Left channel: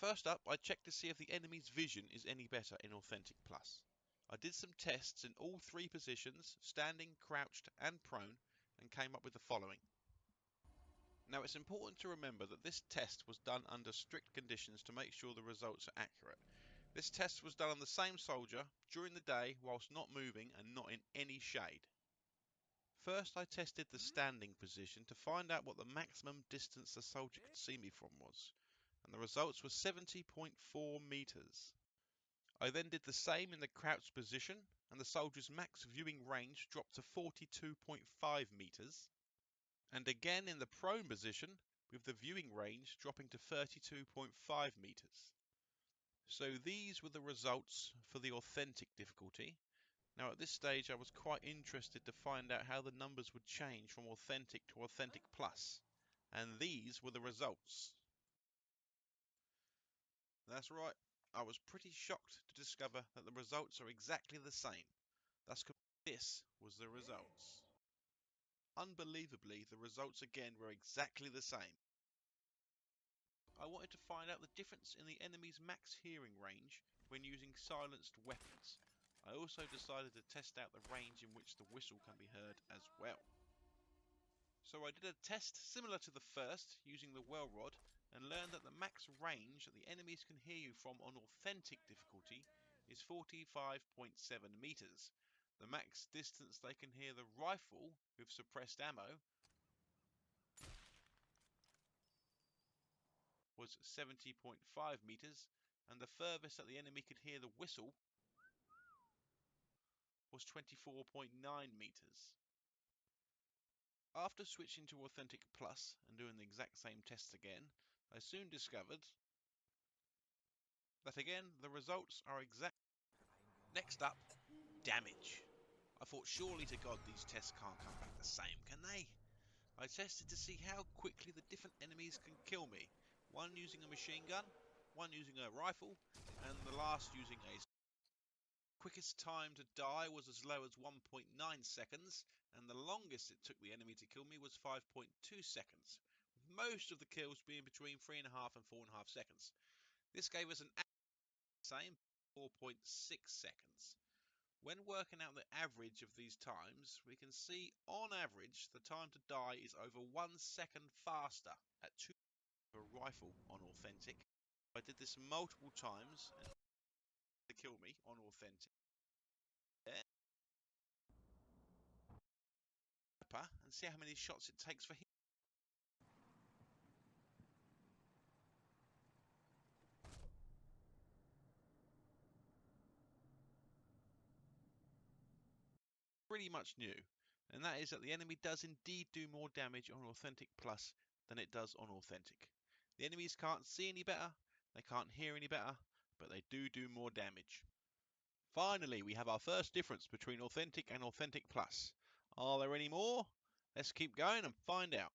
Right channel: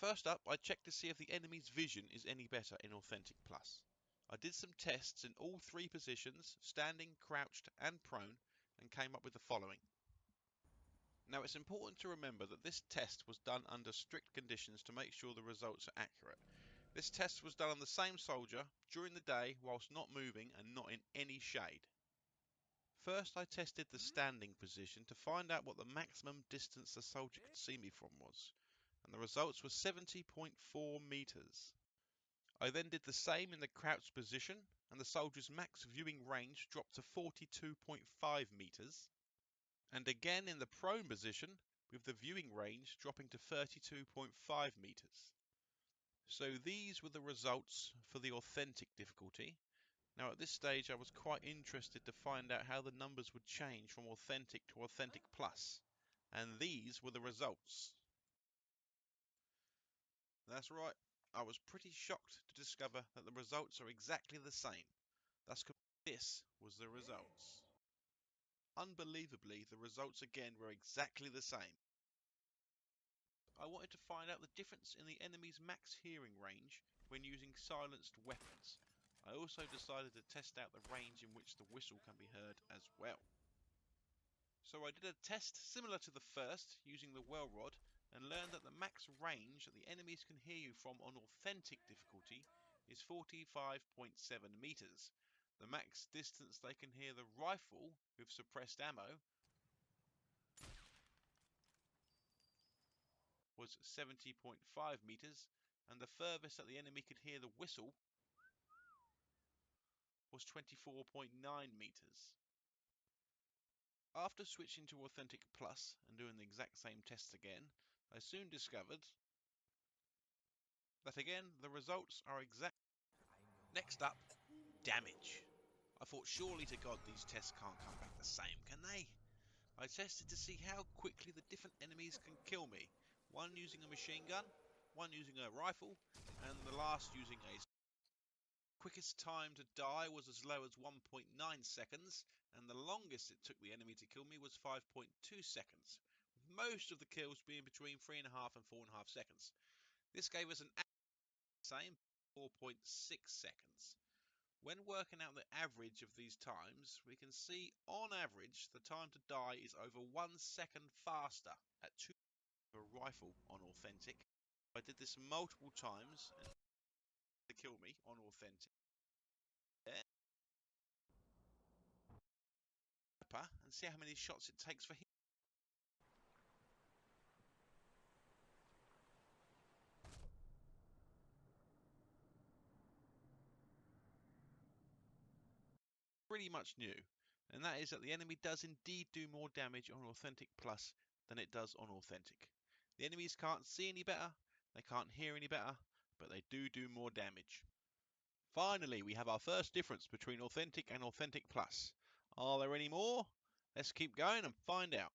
First up, I checked to see if the enemy's vision is any better in Authentic Plus. I did some tests in all three positions, standing, crouched and prone, and came up with the following. Now it's important to remember that this test was done under strict conditions to make sure the results are accurate. This test was done on the same soldier during the day whilst not moving and not in any shade. First I tested the standing position to find out what the maximum distance the soldier could see me from was, and the results were 70.4 metres. I then did the same in the crouched position, and the soldier's max viewing range dropped to 42.5 metres. And again in the prone position, with the viewing range dropping to 32.5 metres. So these were the results for the authentic difficulty. Now at this stage I was quite interested to find out how the numbers would change from authentic to authentic plus. And these were the results. That's right, I was pretty shocked to discover that the results are exactly the same. This was the results. Unbelievably, the results again were exactly the same. I wanted to find out the difference in the enemy's max hearing range when using silenced weapons. I also decided to test out the range in which the whistle can be heard as well. So I did a test similar to the first using the well rod and learned that the max range that the enemies can hear you from on authentic difficulty is 45.7 meters. The max distance they can hear the rifle with suppressed ammo was 70.5 meters, and the furthest that the enemy could hear the whistle was 24.9 meters. After switching to Authentic Plus and doing the exact same tests again, I soon discovered that again the results are exact. Next up, damage. I thought surely to God these tests can't come back the same, can they? I tested to see how quickly the different enemies can kill me, one using a machine gun, one using a rifle, and the last using a quickest time to die was as low as 1.9 seconds, and the longest it took the enemy to kill me was 5.2 seconds, with most of the kills being between 3.5 and 4.5 seconds. This gave us an same 4.6 seconds. When working out the average of these times, we can see on average the time to die is over 1 second faster at 2 a rifle on authentic. I did this multiple times and to kill me on authentic. And see how many shots it takes for him. Pretty much new, and that is that the enemy does indeed do more damage on Authentic Plus than it does on Authentic. The enemies can't see any better, they can't hear any better, but they do more damage. Finally, we have our first difference between Authentic and Authentic Plus. Are there any more? Let's keep going and find out.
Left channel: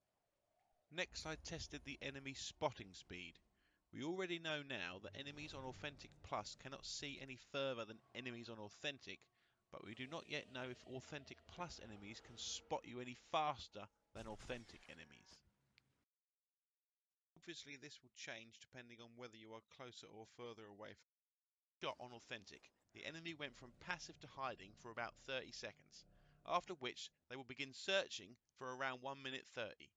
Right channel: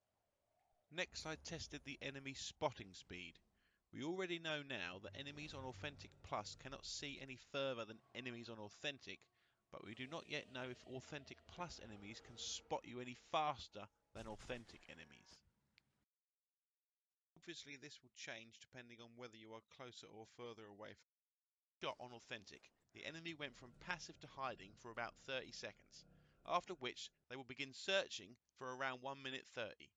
Next, I tested the enemy spotting speed. We already know now that enemies on Authentic Plus cannot see any further than enemies on Authentic, but we do not yet know if Authentic Plus enemies can spot you any faster than Authentic enemies. Obviously this will change depending on whether you are closer or further away from the shot on Authentic. The enemy went from passive to hiding for about 30 seconds, after which they will begin searching for around 1 minute 30.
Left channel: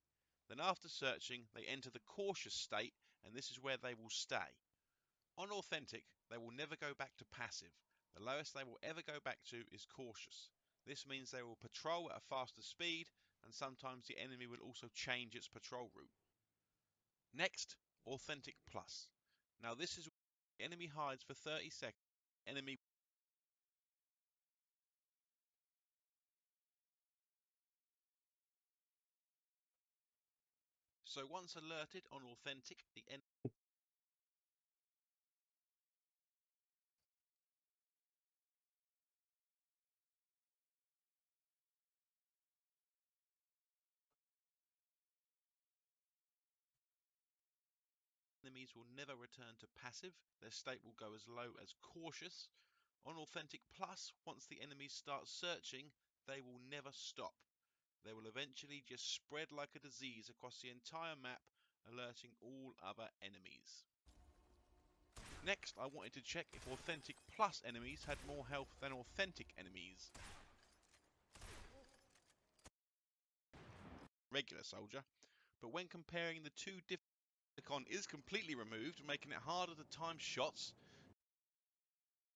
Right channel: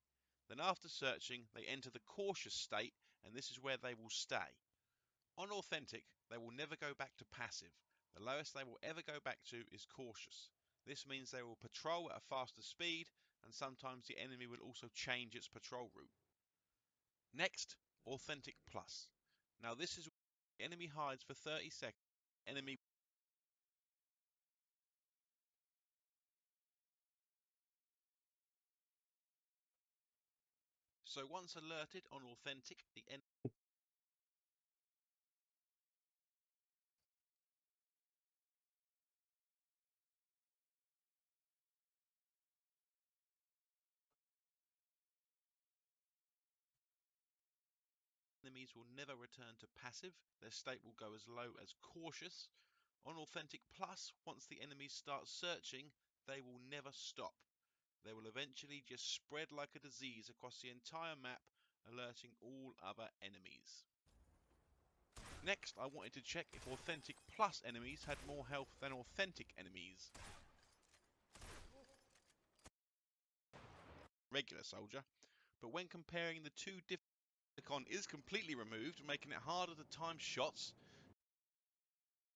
Then after searching, they enter the cautious state, and this is where they will stay. On Authentic, they will never go back to passive. The lowest they will ever go back to is cautious. This means they will patrol at a faster speed, and sometimes the enemy will also change its patrol route. Next, Authentic Plus. Now this is where the enemy hides for 30 seconds. Enemy So once alerted on Authentic, the enemies will never return to passive. Their state will go as low as cautious. On Authentic Plus, once the enemies start searching, they will never stop. They will eventually just spread like a disease across the entire map, alerting all other enemies. Next, I wanted to check if Authentic Plus enemies had more health than Authentic enemies. Regular soldier. But when comparing the two different icon is completely removed, making it harder to time shots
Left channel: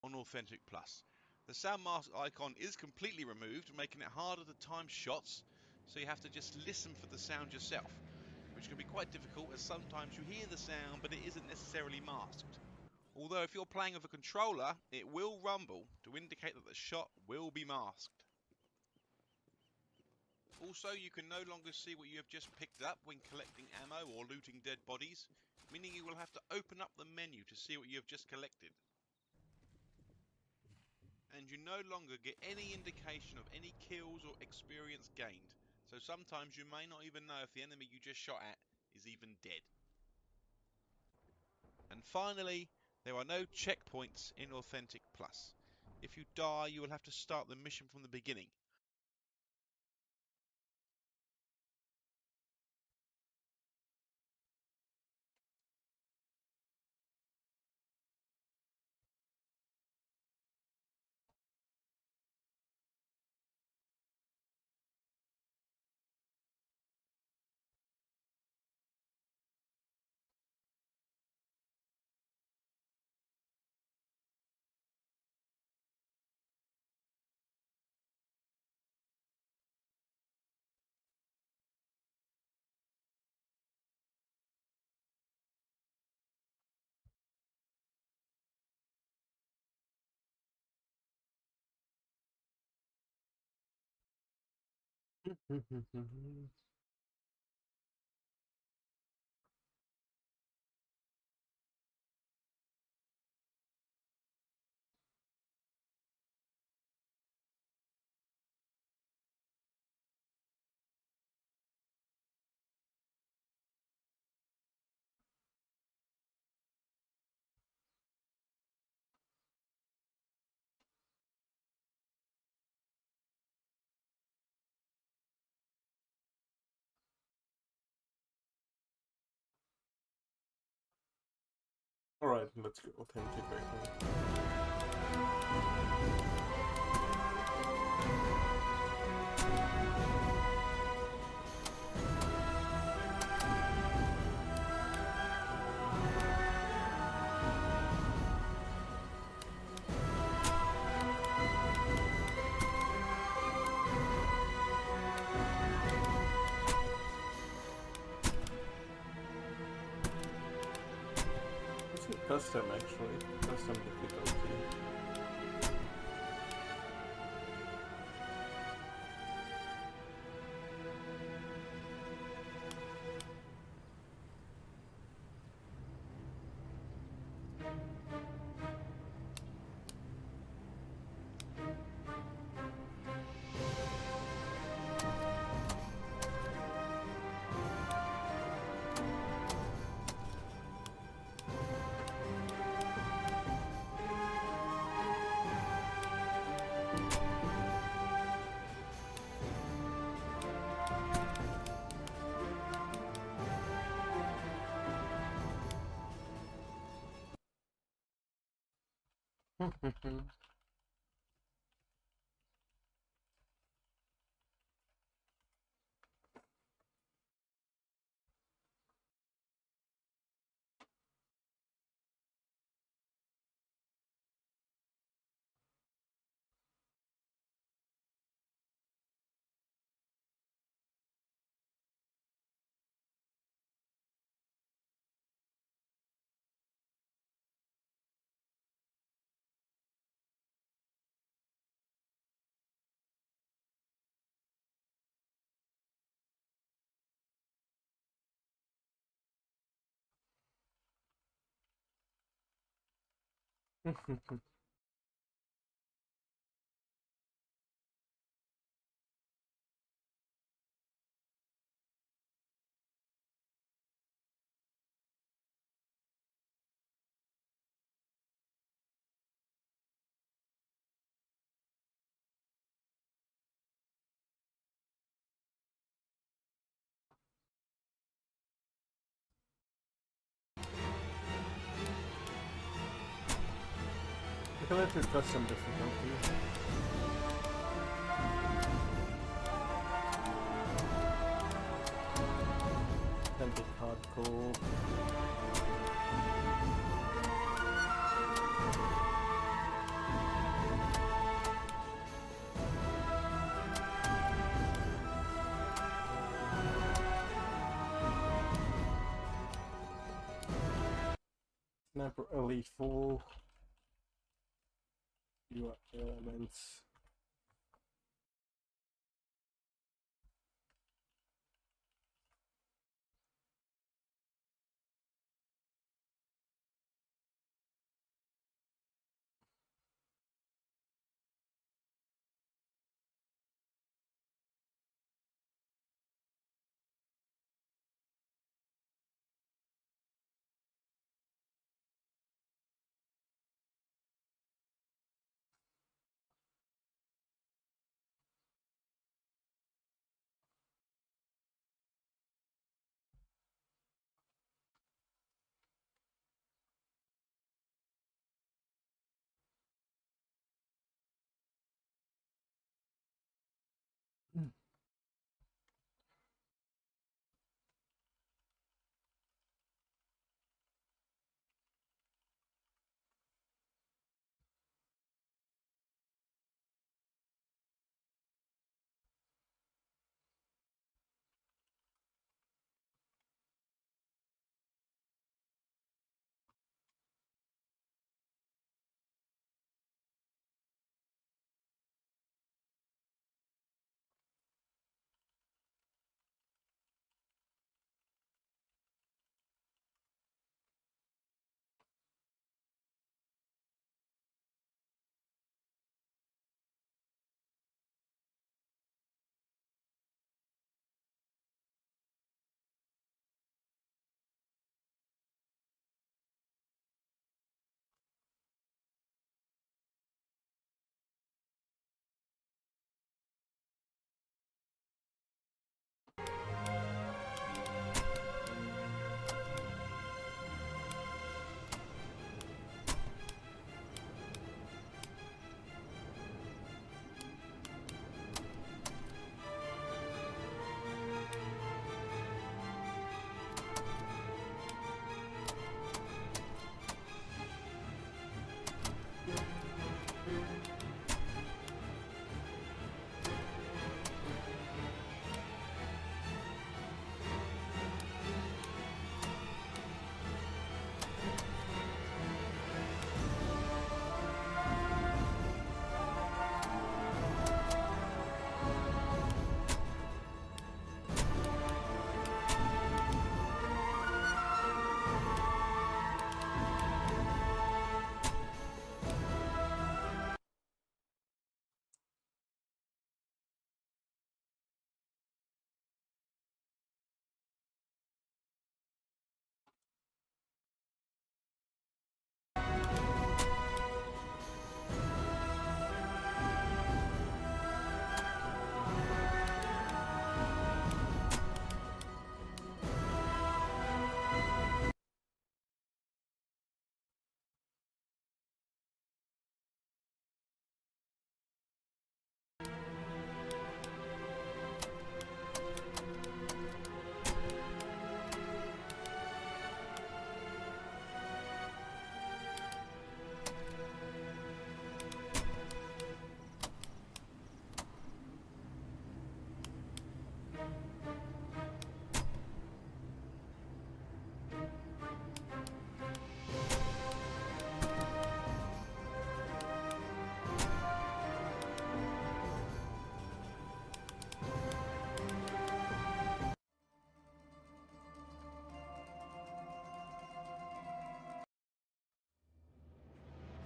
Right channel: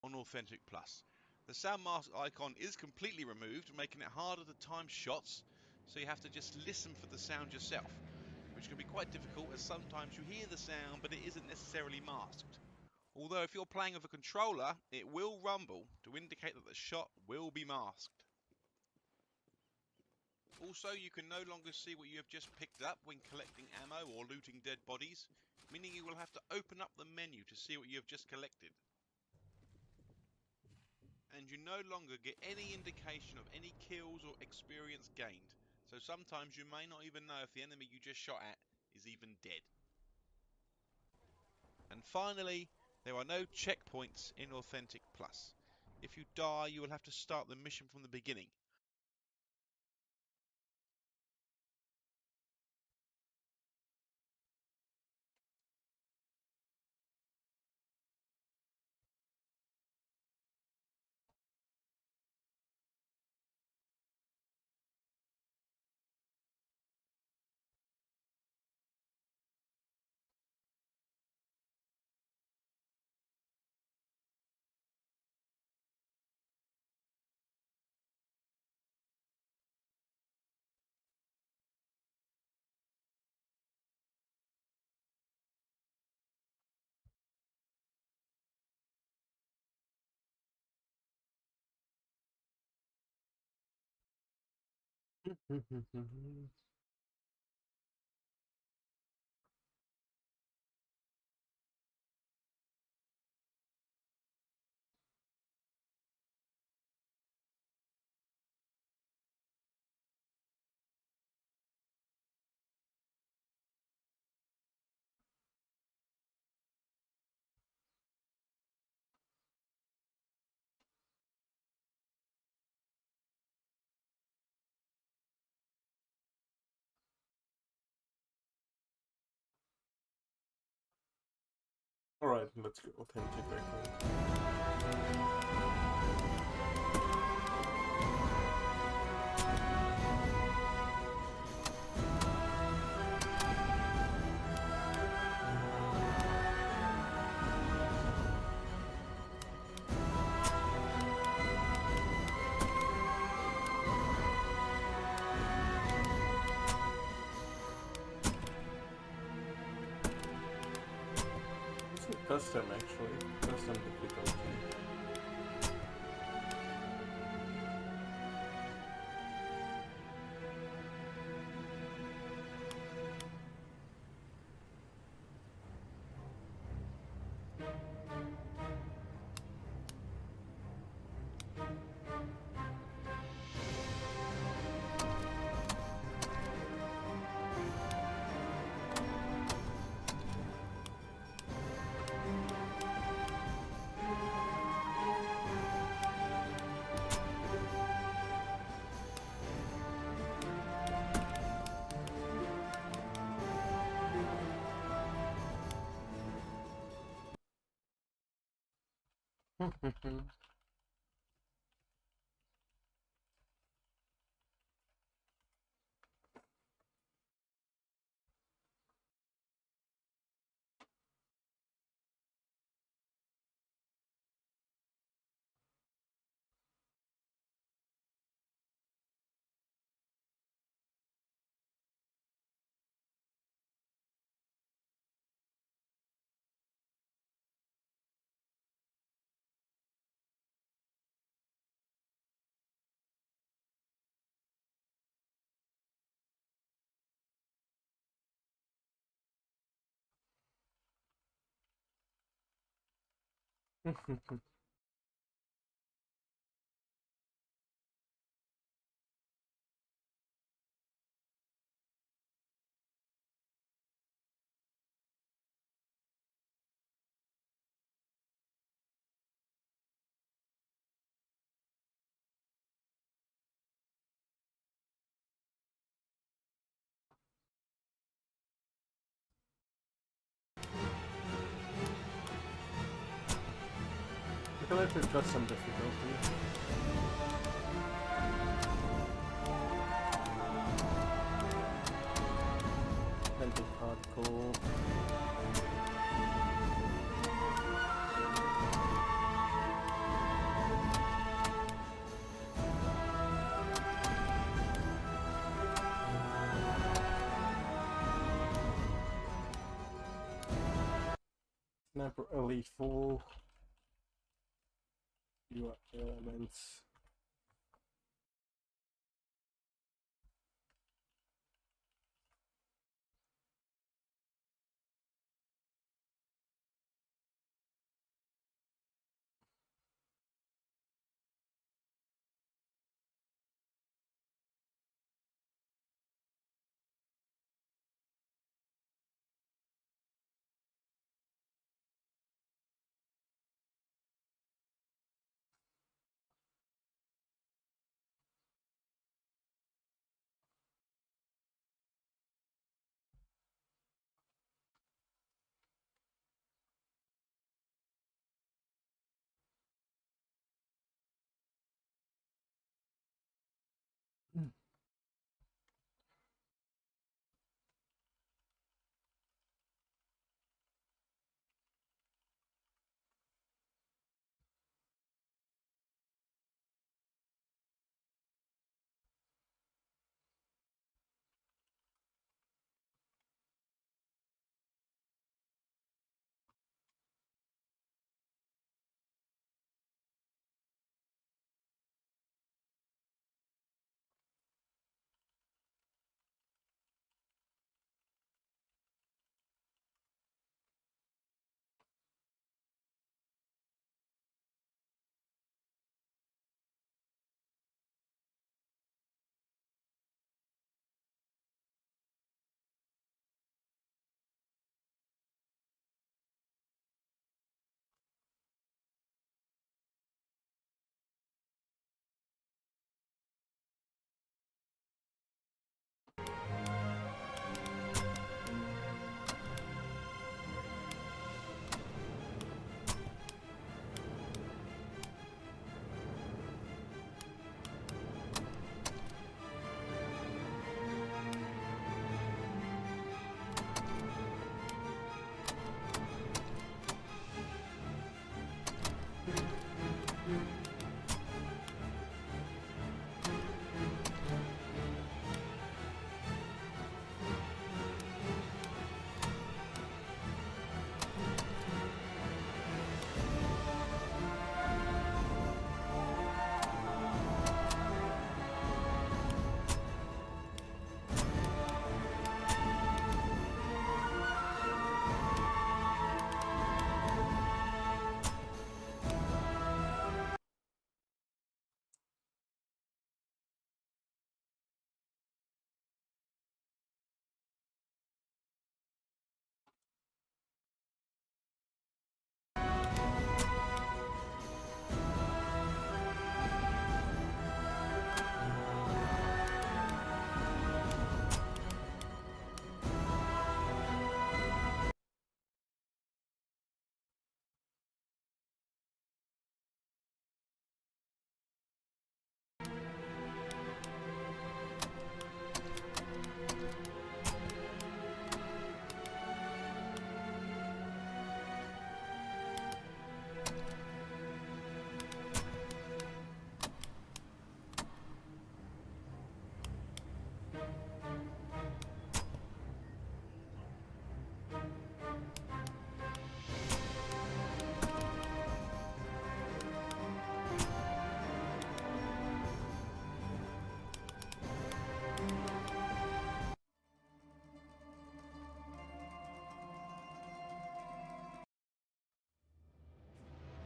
on Authentic Plus. The sound mask icon is completely removed, making it harder to time shots, so you have to just listen for the sound yourself, which can be quite difficult as sometimes you hear the sound but it isn't necessarily masked. Although if you're playing with a controller, it will rumble to indicate that the shot will be masked. Also, you can no longer see what you have just picked up when collecting ammo or looting dead bodies, meaning you will have to open up the menu to see what you have just collected. And you no longer get any indication of any kills or experience gained, so sometimes you may not even know if the enemy you just shot at is even dead. And finally, there are no checkpoints in Authentic Plus. If you die, you will have to start the mission from the beginning. Alright, let's go authentic icon. What's in custom actually? Custom difficulty. Calculator custom difficulty. Authentic hardcore. Sniper Elite 4. UI elements. Hmm.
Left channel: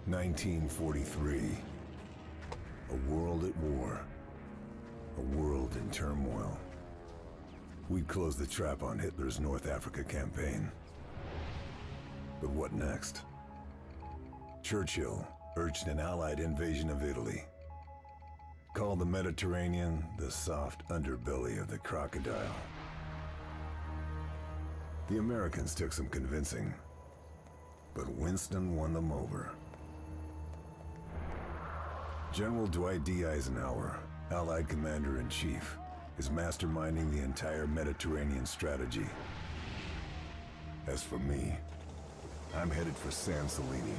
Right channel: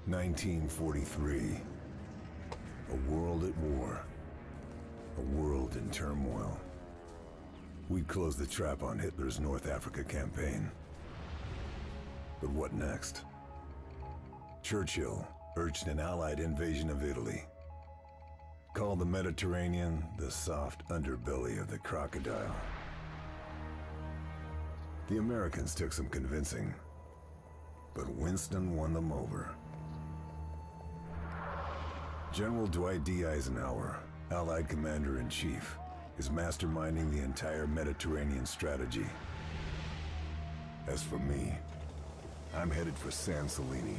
"1943. A world at war. A world in turmoil. We'd closed the trap on Hitler's North Africa campaign. But what next? Churchill urged an Allied invasion of Italy. Called the Mediterranean the soft underbelly of the crocodile. The Americans took some convincing, but Winston won them over. General Dwight D. Eisenhower, Allied Commander-in-Chief, is masterminding the entire Mediterranean strategy. As for me, I'm headed for San Celini,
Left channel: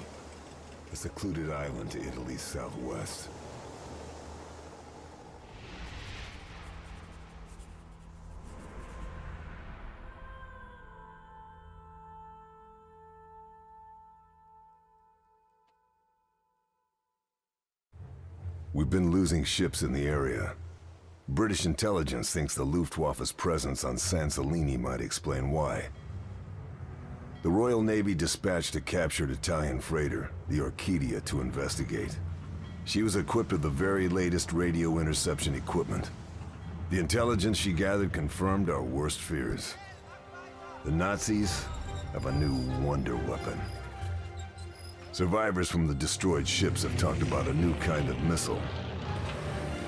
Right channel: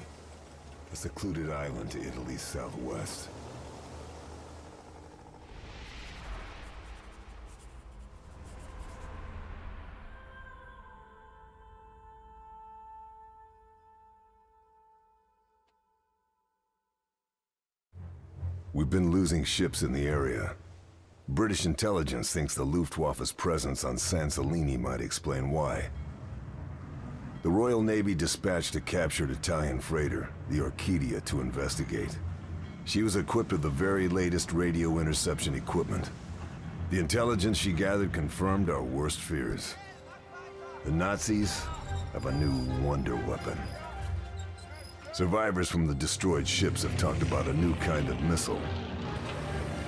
a secluded island to Italy's southwest. We've been losing ships in the area. British intelligence thinks the Luftwaffe's presence on San Celini might explain why. The Royal Navy dispatched a captured Italian freighter, the Orchidia, to investigate. She was equipped with the very latest radio interception equipment. The intelligence she gathered confirmed our worst fears. The Nazis have a new wonder weapon. Survivors from the destroyed ships have talked about a new kind of missile.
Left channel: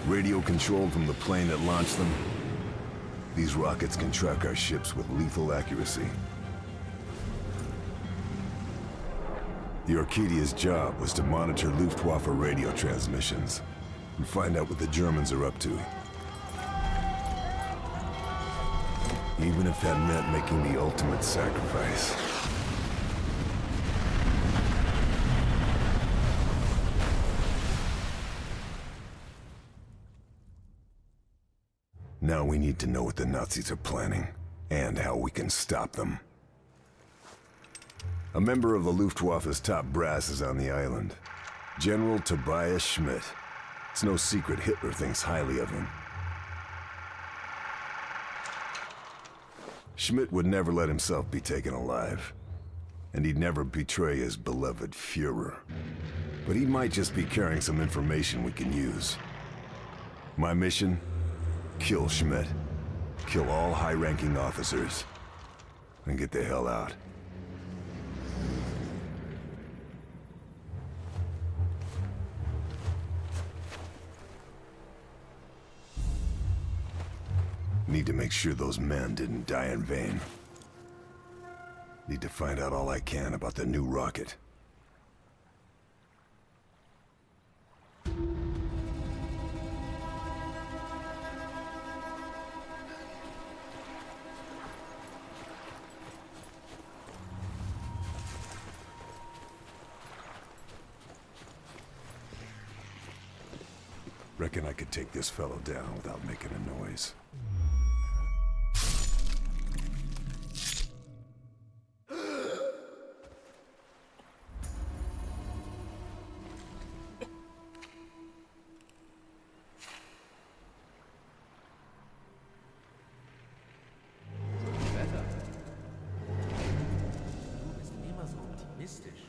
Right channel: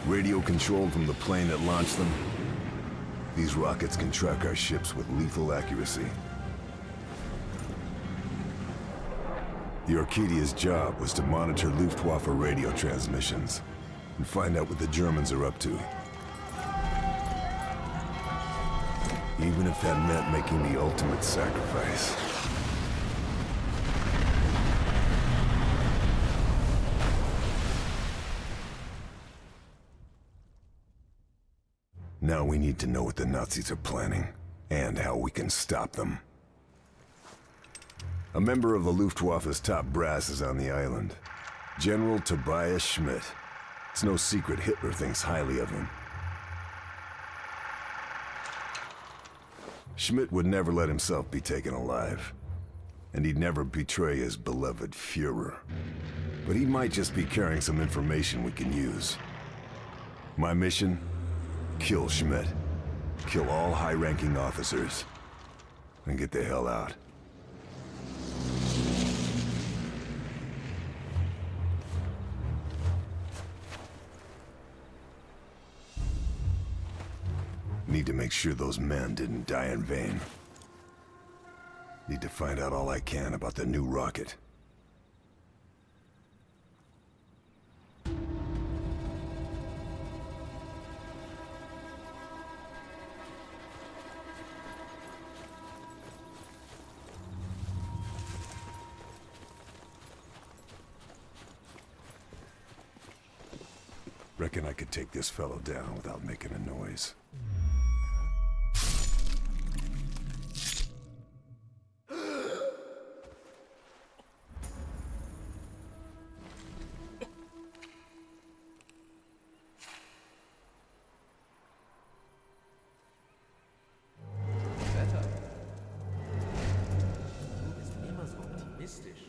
Radio-controlled from the plane that launched them, these rockets can track our ships with lethal accuracy. The Orchidia's job was to monitor Luftwaffe radio transmissions and find out what the Germans are up to. Even if that meant making the ultimate sacrifice. Now we need to know what the Nazis are planning, and how we can stop them. A member of the Luftwaffe's top brass is on the island. General Tobias Schmidt. It's no secret Hitler thinks highly of him. Schmidt would never let himself be taken alive. And he'd never betray his beloved Führer. But he might just be carrying some information we can use. My mission? Kill Schmidt. Kill all high-ranking officers. And get the hell out. Need to make sure those men didn't die in vain. Need to find out all I can about the new rocket. Reckon I could take this fellow down without making a noise. Wetter. Du bist immer so optimistisch.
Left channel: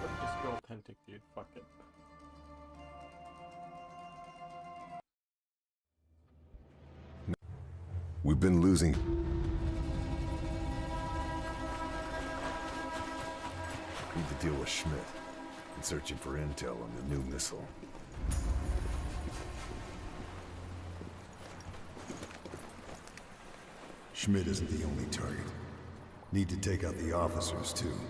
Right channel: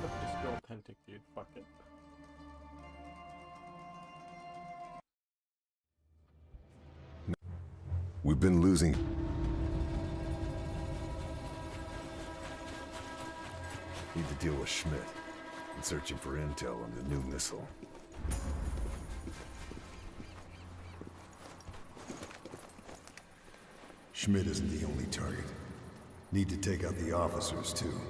Let's just go authentic, dude. Fuck it. We've been losing. Need to deal with Schmidt. And searching for intel on the new missile. Schmidt isn't the only target. Need to take out the officers, too.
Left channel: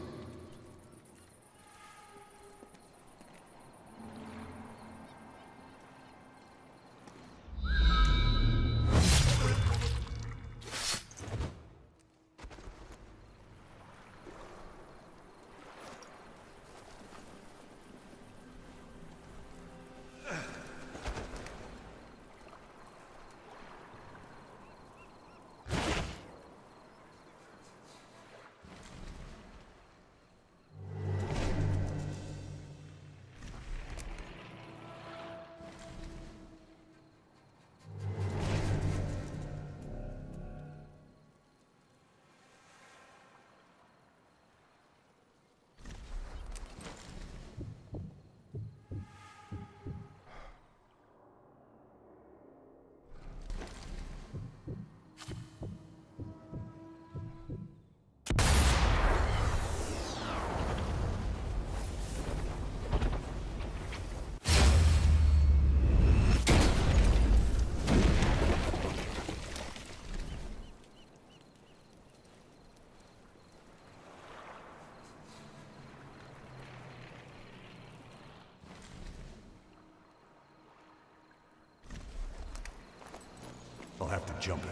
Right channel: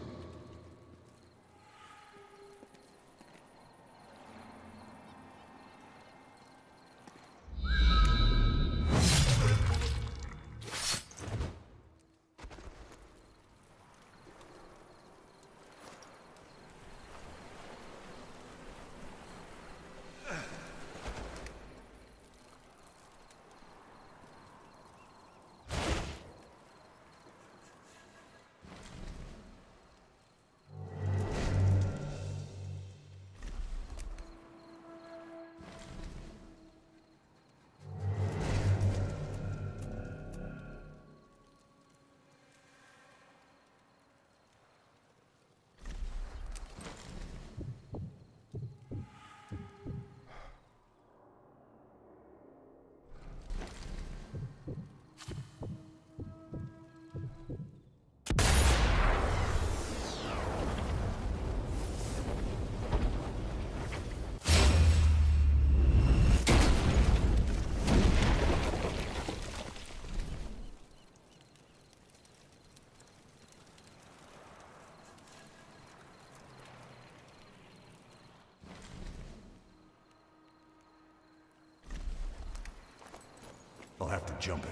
I'll have to jump it.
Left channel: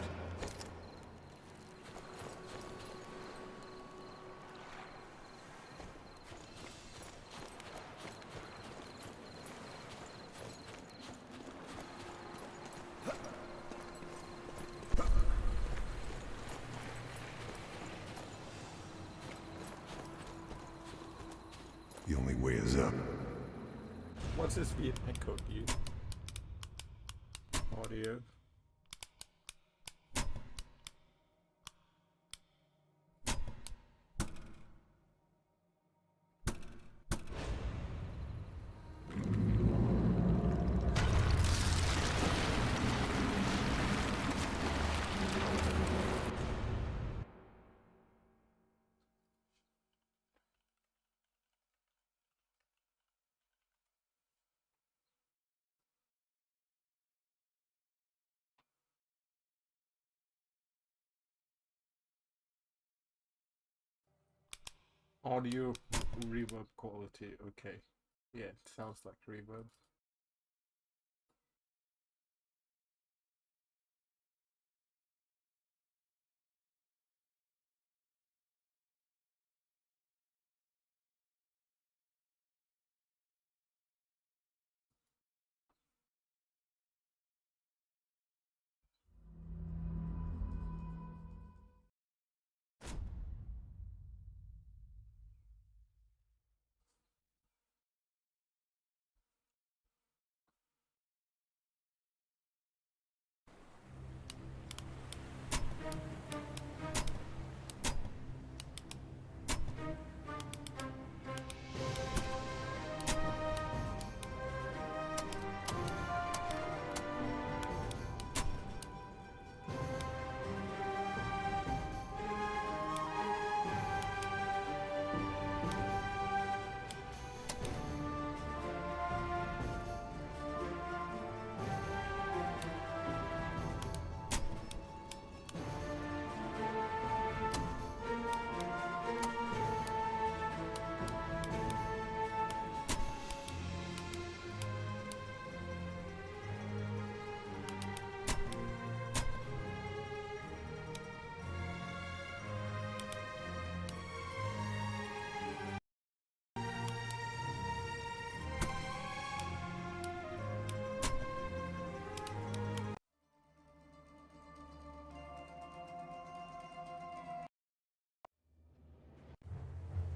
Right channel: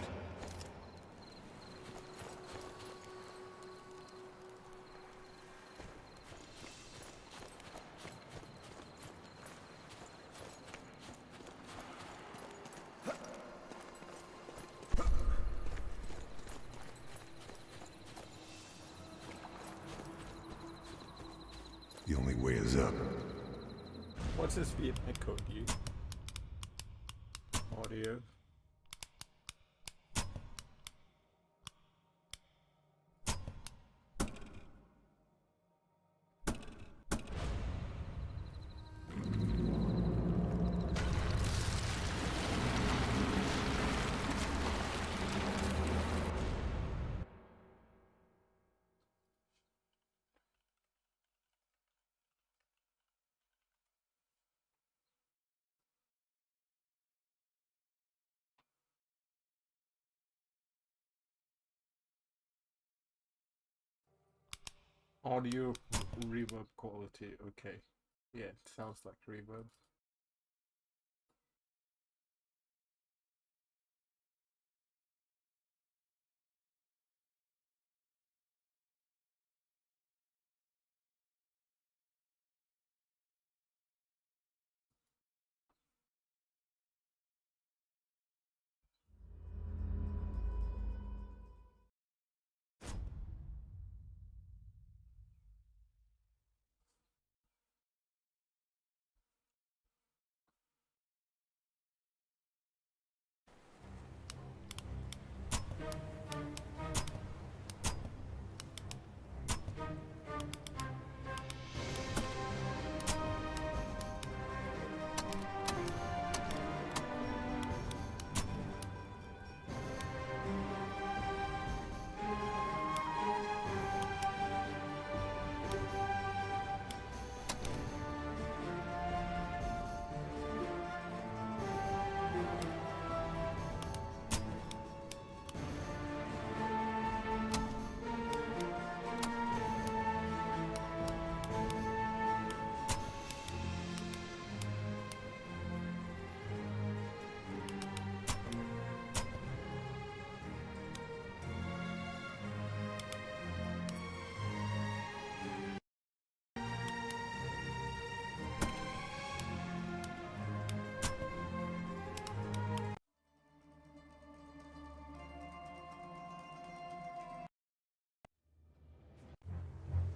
The only way is up. What's this Vietnam code, dude? Audio. Audio reverb quality, okay. Yeah, it sounds like reverb.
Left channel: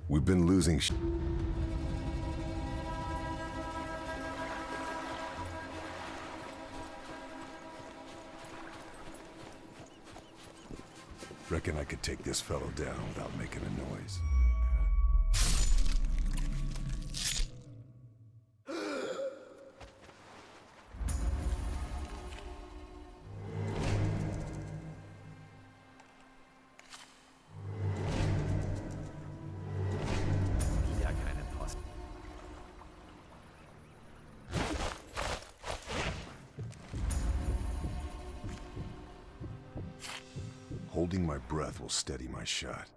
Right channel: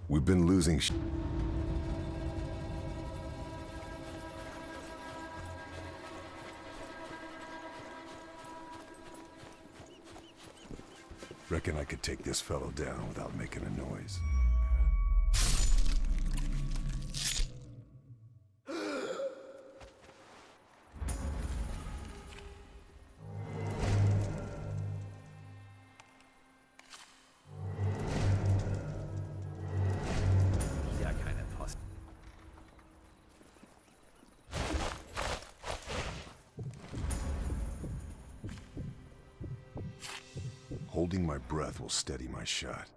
We've been losing Reckon I could take this fellow down without making a noise. Wieder keine Post. Holding my breath will steady my shot.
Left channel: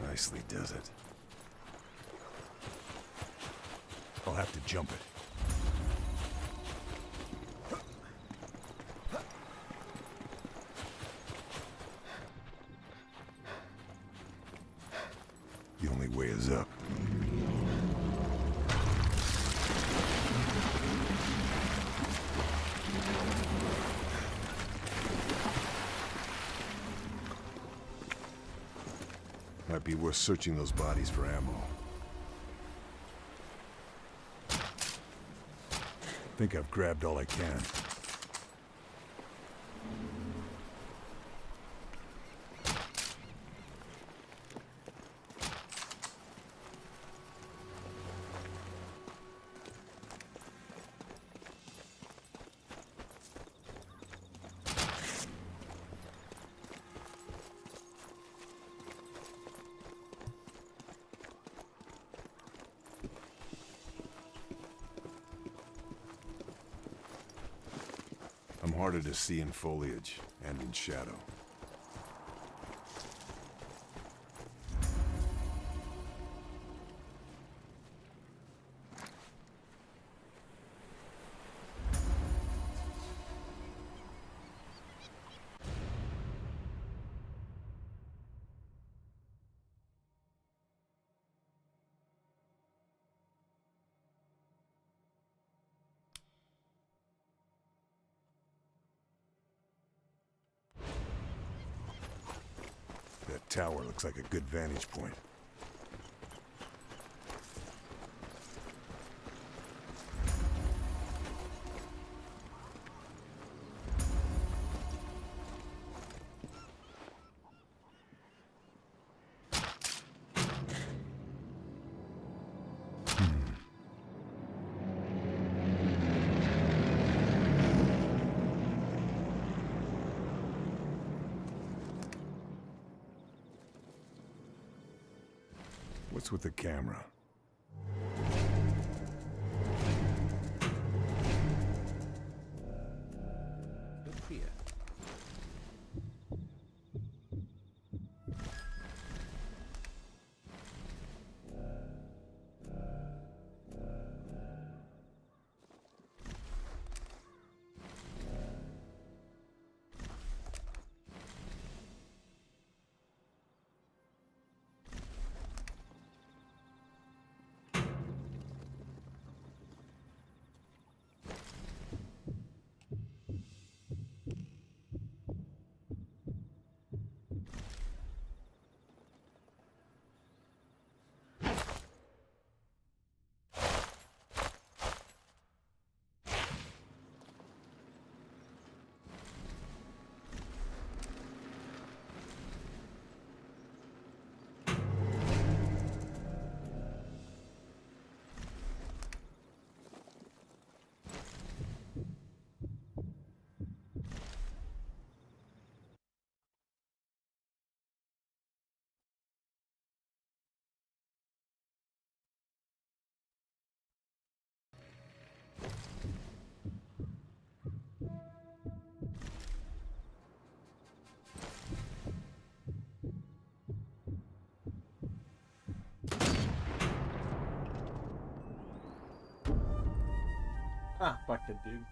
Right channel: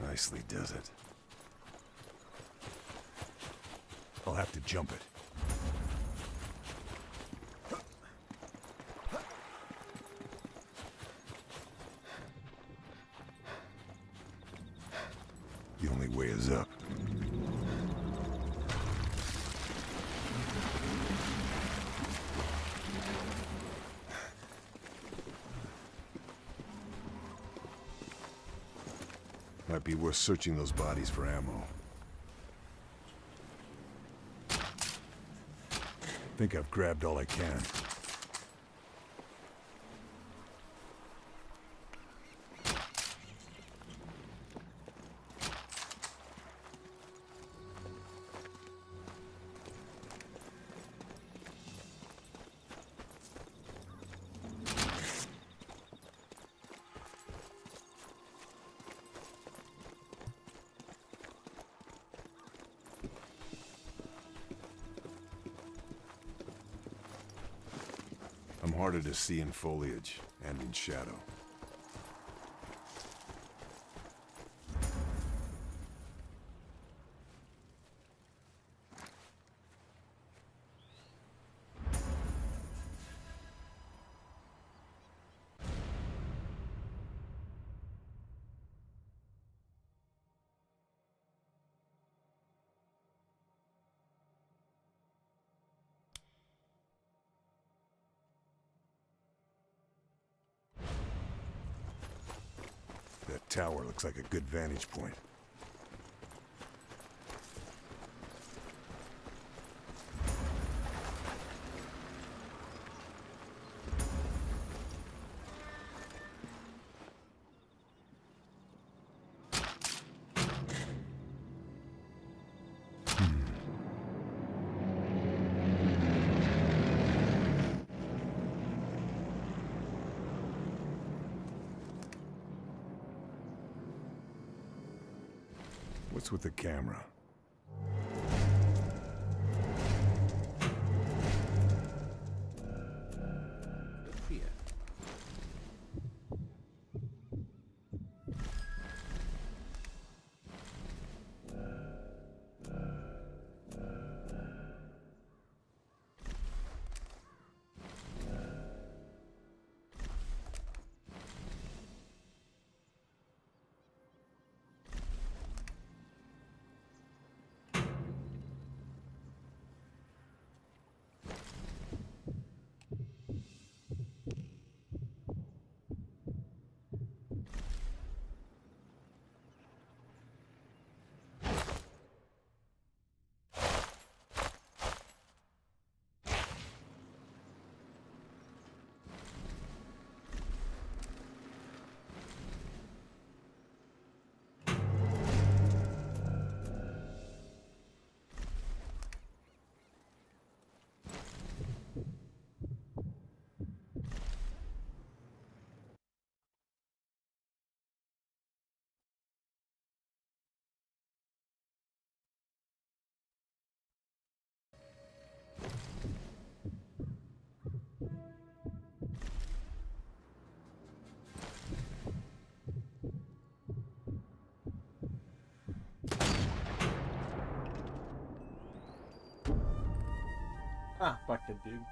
Nicely does it. I'll have to jump it. The only way is up. Might be worth searching those bodies for ammo. Think I've grabbed all I can. harder to see in foliage and in shadow. That tower looks like a good vantage point. What's with the camera? Look here. Ah, back in, dude.